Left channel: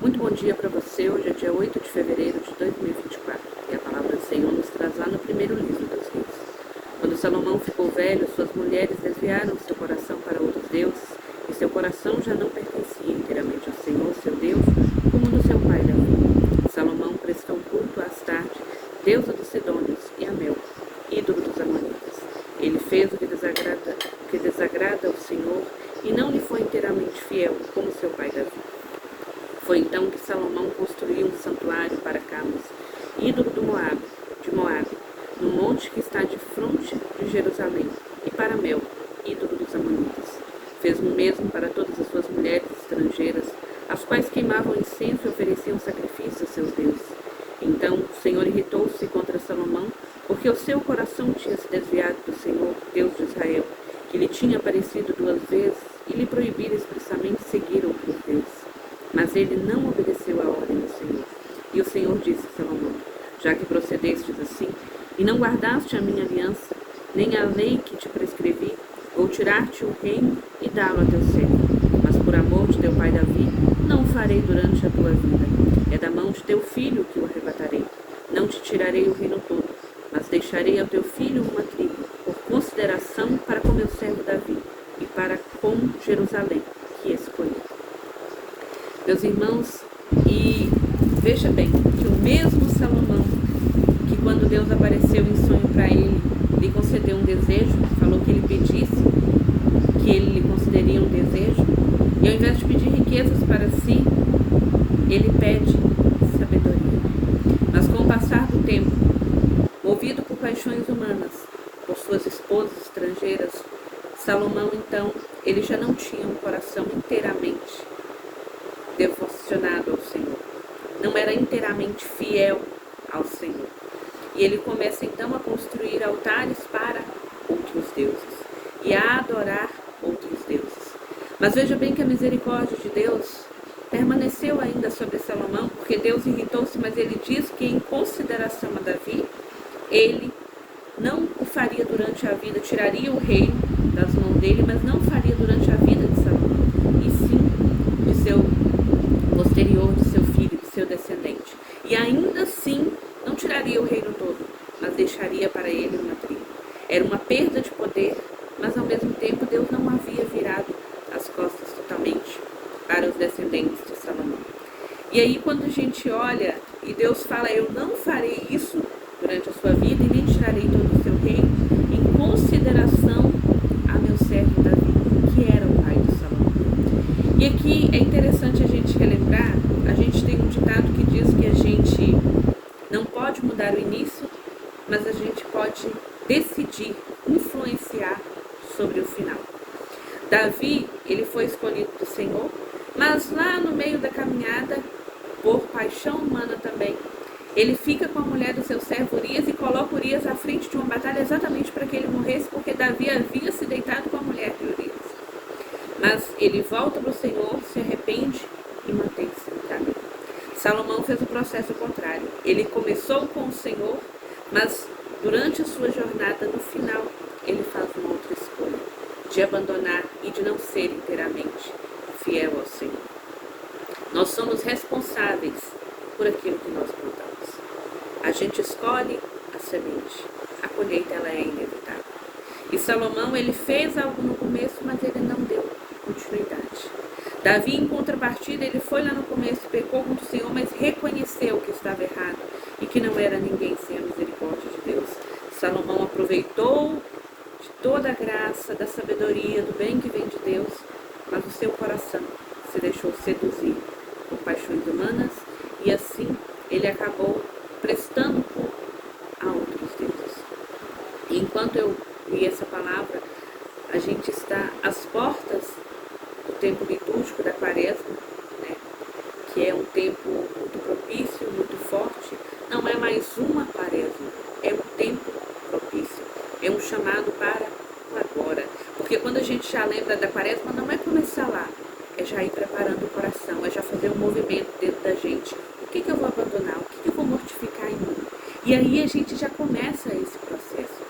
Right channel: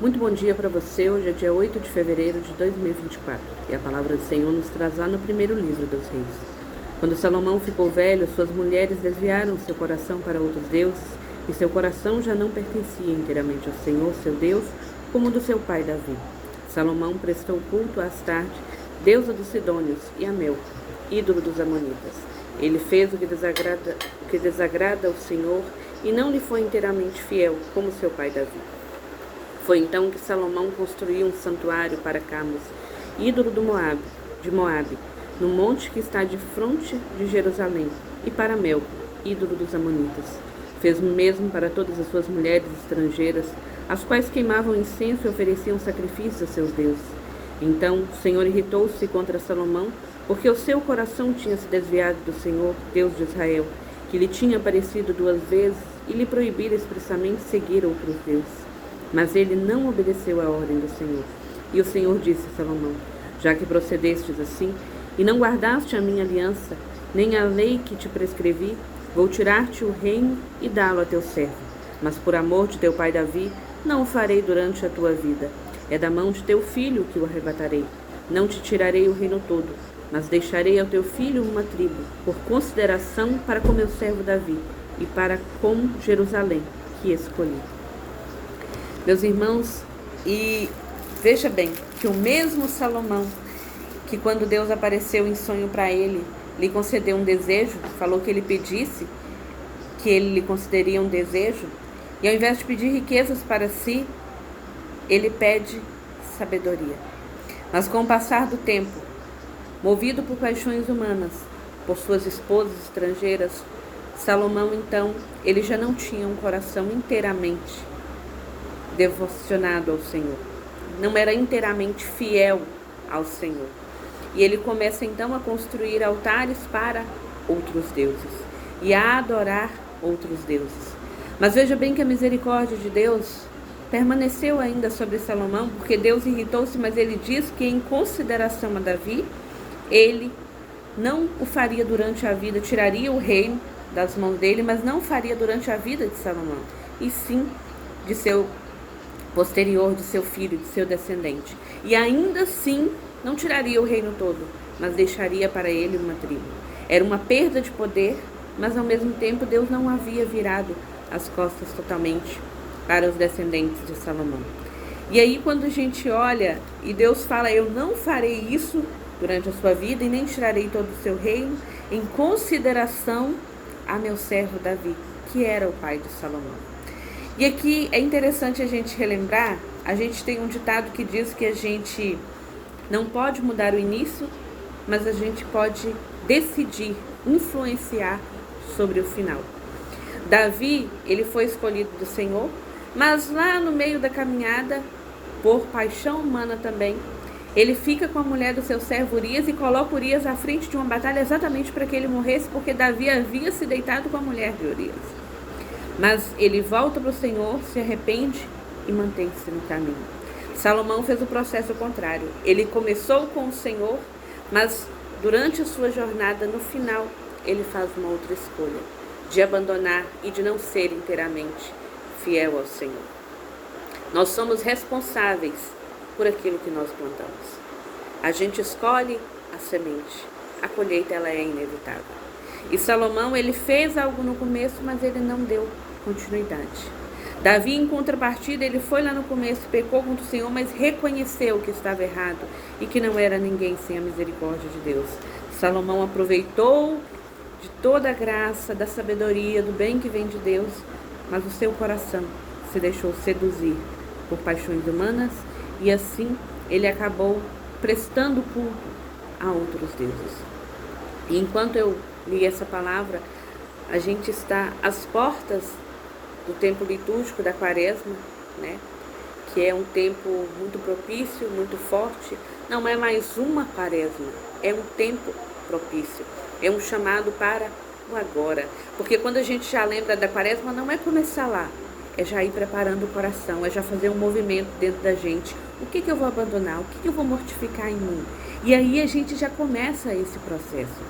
Muito bom dia para você. Hoje é dia 8 de fevereiro de 2024 e a palavra do Senhor nos traz lá no primeiro livro dos Reis. Quando Salomão ficou velho, suas mulheres desviaram seu coração para outros deuses e seu coração já não pertencia inteiramente ao Senhor, seu Deus, como do seu pai Davi. Salomão prestou culto a Astarte, deusa dos Sidônios, e a Mel, ídolo dos Amonitas. Ele fez o que desagrada ao Senhor e não lhe foi inteiramente fiel, como seu pai Davi. Foi então que Salomão construiu um santuário para Camus, ídolo de Moabe, no monte que está de fronte de Jerusalém, e para Mel, ídolo dos Amonitas. Fez o mesmo para todas as suas mulheres estrangeiras, as quais queimavam incenso e ofereciam sacrifícios a seus deuses. Então o Senhor irritou-se contra Salomão, porque o seu coração tinha se desviado do Senhor, Deus de Israel, que lhe tinha aparecido 2 vezes e lhe proibira expressamente seguir outros deuses. Mas ele não obedeceu à ordem do Senhor. E o Senhor disse a Salomão: já que procedestes assim, e não guardaste a minha aliança, nem a lei que te prescrevi, vou tirar-te o reino e dá-lo a teu servo. Mas por amor de teu pai Davi, não o farei durante a tua vida. É da mão de teu filho que o arrebatarei. Não te tirarei o reino todo, mas deixarei ao teu filho uma tribo, por consideração para com meu servo Davi, e para com Jerusalém, que escolhi. Meus irmãos, e veja bem que o mesmo Salomão, que quando Deus apareceu em sonho para ele, lhe concedeu um desejo, falou que ele pedisse, que ele lhe concederia um desejo, e ao invés de pedir riquezas para si, ele pede sabedoria. Mas com o passar do tempo, movido por paixões humanas, por suas esposas estrangeiras, Salomão então, ele já não tinha um coração inteiramente devocionado ao Senhor, não era inteiramente fiel ao Senhor. E ele começa então a construir altares para outros deuses e a adorar outros deuses. Mas veja bem que a misericórdia de Deus permaneceu ainda sobre Salomão, porque Deus irritou-se, mas ele diz que em consideração a Davi, ele não o faria durante a vida, tiraria o reino das mãos dele, mas não faria durante a vida de Salomão, e sim de seu posterior, de seu filho, de seu descendente. E ainda assim, não tiraria o reino todo, mas deixaria para ele uma tribo. Era uma perda de poder, mas ao mesmo tempo Deus não havia virado as costas totalmente para os descendentes de Salomão. E aí quando a gente olha e Deus fala: eu não farei isso durante a sua vida e nem tirarei todo o seu reino, em consideração a meu servo Davi, que era o pai de Salomão. E aqui é interessante a gente relembrar, a gente tem um ditado que diz que a gente não pode mudar o início, mas a gente pode decidir, influenciar sobre o final. Davi, ele foi escolhido do Senhor, mas lá no meio da caminhada, por paixão humana também, ele fica com a mulher do seu servo Urias e coloca Urias à frente de uma batalha exatamente para que ele morresse, porque Davi havia se deitado com a mulher de Urias. Mas ele volta para o Senhor, se arrepende e mantém-se no caminho. Salomão fez o processo contrário. Ele começou com o Senhor, mas durante a sua jornada, no final, ele faz uma outra escolha, de abandonar e de não ser inteiramente fiel ao Senhor. Nós somos responsáveis por aquilo que nós plantamos. A gente escolhe a semente, a colheita ela é inevitável. E Salomão, ele fez algo no começo, mas ele não deu continuidade. Davi, em contrapartida, ele foi lá no começo, pecou contra o Senhor, mas reconheceu que estava errado e que não era ninguém sem a misericórdia de Deus. Salomão aproveitou de toda a graça, da sabedoria, do bem que vem de Deus, mas o seu coração se deixou seduzir por paixões humanas e assim ele acabou prestando culto a outros deuses. E enquanto eu li essa palavra, a gente está às portas do tempo litúrgico da Quaresma, né? Que é um tempo muito propício, muito forte. Não é mais uma Quaresma, é um tempo propício. É um chamado para o agora. Porque quando a gente já lembra da Quaresma, não é começar lá, é já ir preparando o coração, é já fazer um movimento dentro da gente. O que eu vou abandonar? O que eu vou mortificar em mim? E aí a gente já começa esse processo.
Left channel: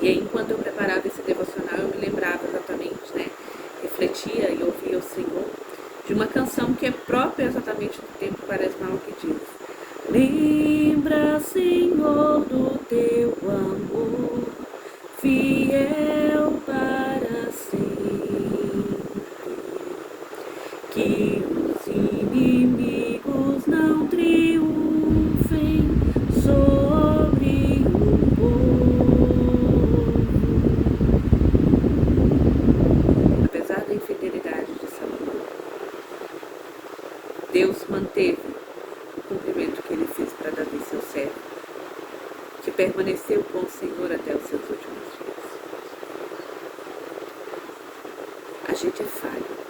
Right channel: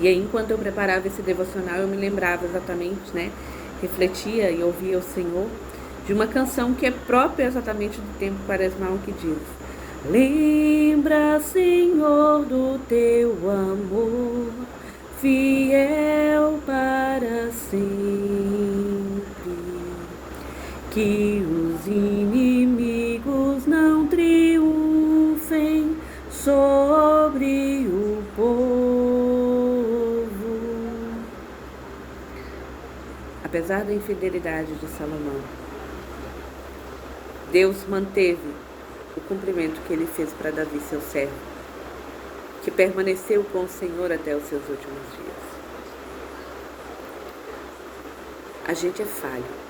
E aí, enquanto eu preparava esse devocional, eu me lembrava exatamente, né? Refletia e ouvia o Senhor de uma canção que é própria exatamente do tempo quaresmal, que diz: lembra, Senhor, do teu amor, fiel para sempre, que os inimigos não triunfem sobre o povo. Apesar da infidelidade de Salomão, Deus manteve o cumprimento que ele fez para Davi, seu servo, que permaneceu com o Senhor até os seus últimos dias. A gente é falho.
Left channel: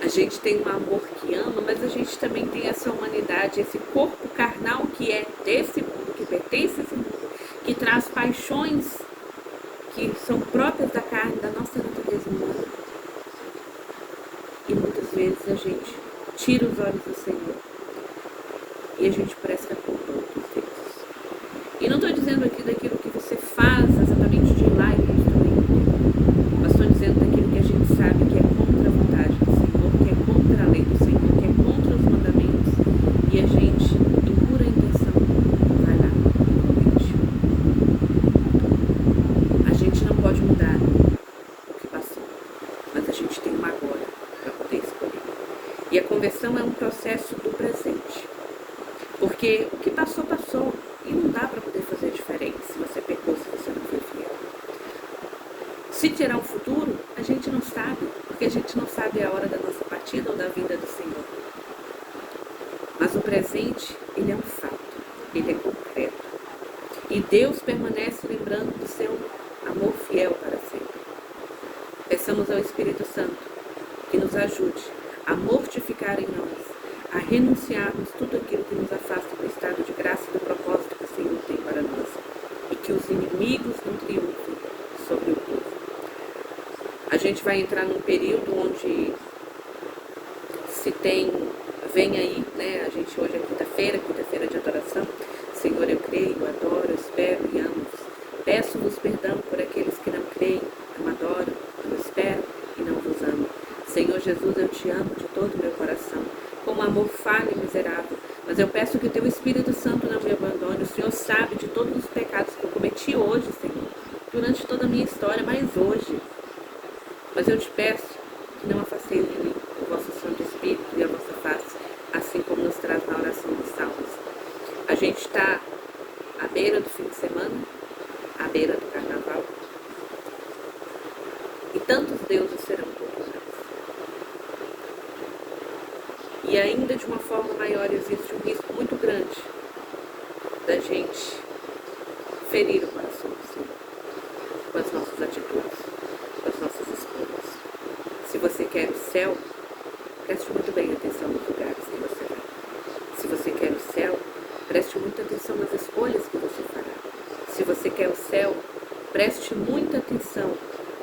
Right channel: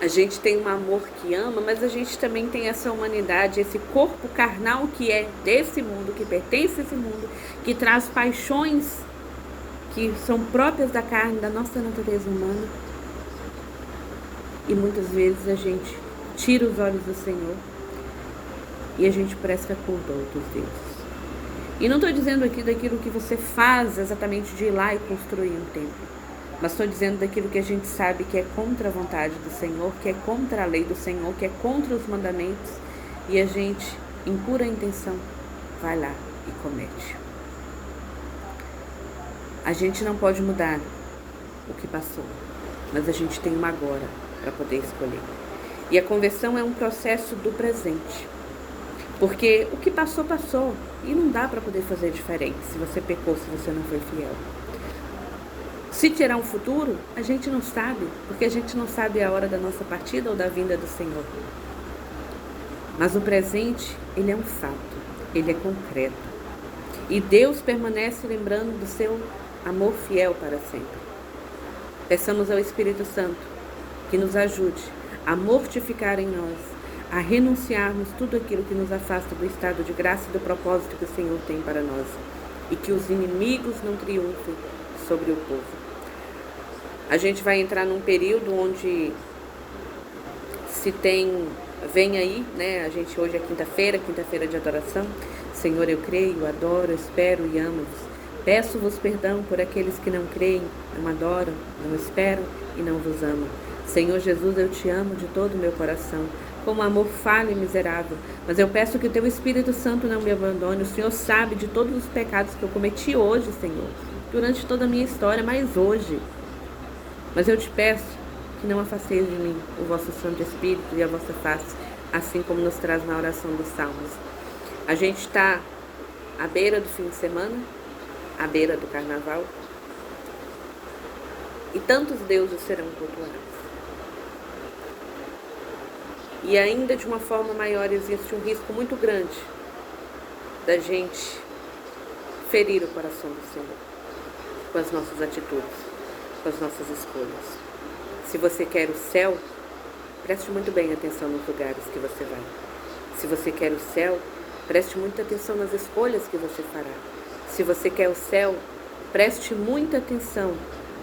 A gente tem um amor que ama, mas a gente também tem essa humanidade, esse corpo carnal que é desse mundo, que pertence a esse mundo, que traz paixões que são próprias da carne, da nossa natureza humana. E muitas vezes a gente tira os olhos do Senhor e a gente presta culpa a outros deuses. E não estou dizendo aqui daquilo que você faz exatamente de ir lá e construir um templo, mas estou dizendo daquilo que a gente sabe que é contra a vontade do Senhor, que é contra a lei do Senhor, que é contra os mandamentos, e a gente, em pura intenção, vai lá e comete. A gente não pode mudar o que passou, mas a gente tem uma agora para poder escolher. E a conversão é um processo do presente, porque o que passou, passou, e não dá para poder fazer diferente se você pecou, se você não foi fiel. Se terá um futuro, a gente não sabe, porque a gente não sabe a hora da nossa partida ou da vinda do Senhor. Mas o presente, ele é um fato, ele é concreto. E Deus permanece lembrando do seu amor fiel para sempre. Peçamos ao Espírito Santo que nos ajude a mortificar em nós, a renunciarmos tudo aquilo que nos afasta do estado de graça e do propósito que o Senhor tem para nós, e que os inimigos não triunfem sobre o povo. A gente vai entrar num período onde vem aí, né? A gente hoje é quinta-feira de adoração. Senhor, eu creio, adoro, espero e amo-vos. Peço-vos perdão por aqueles que não creem, não adoram, não esperam e não vos amam. Senhor Jesus, eu te amo de todo o meu coração, com um amor falho e miserável, mas eu peço que o teu Espírito Santo não me abandone. O Senhor sabe de todos os pecados que eu cometi hoje, Senhor, durante toda a minha história, mas hoje. Mas eu te peço que não afasteis de mim o vosso Santo Espírito e a vossa face, assim como nos traz na oração dos Salmos. A gente está à beira do fim de semana, à beira do Carnaval, e tantos deuses serão cultuados. E ainda de uma forma maior existe um risco muito grande da gente ferir o coração do Senhor com as nossas atitudes, com as nossas escolhas. Se você quer o céu, preste muito bem atenção nos lugares que você vai. Se você quer o céu, preste muita atenção nas escolhas que você fará. Se você quer o céu, preste muita atenção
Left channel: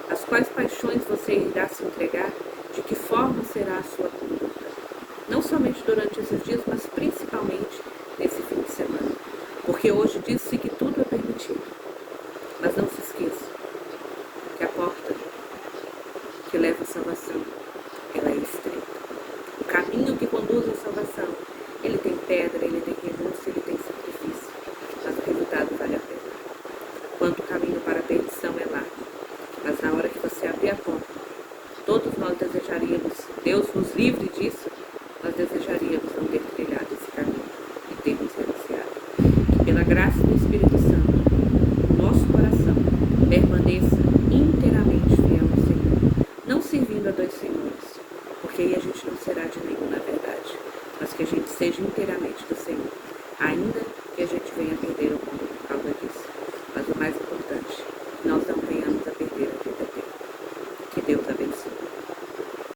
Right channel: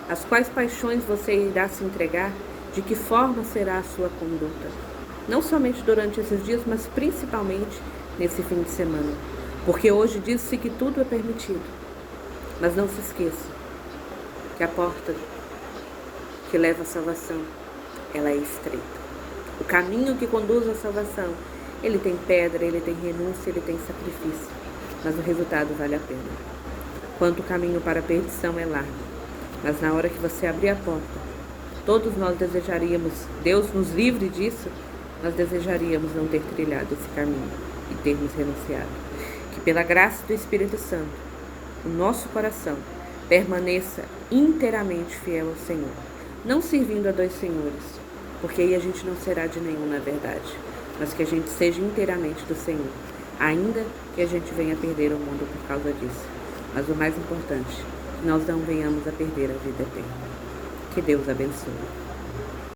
às quais paixões você irá se entregar, de que forma será a sua conduta. Não somente durante esses dias, mas principalmente nesse fim de semana. Porque hoje diz-se que tudo é permitido. Mas não se esqueça que a porta que leva à salvação, ela é estreita. O caminho que conduz à salvação, ele tem pedra, ele tem renúncia, ele tem sacrifício. Mas o resultado vale a pena. Quanto o caminho para a perdição é largo. Mas na hora que você abrir a porta, todos nós desejaríamos, Deus nos livre disso, nós desejaríamos não ter trilhado esse caminho e termos renunciado. Que pela graça do Espírito Santo, o nosso coração permaneça inteiramente fiel ao Senhor, não servindo a dois senhores, porque aí a gente não será de nenhum na verdade, mas que a gente seja inteiramente do Senhor, ainda que a gente venha perder o mundo por causa disso. Mas o mais importante, que nós não venhamos a perder a vida eterna. Que Deus abençoe.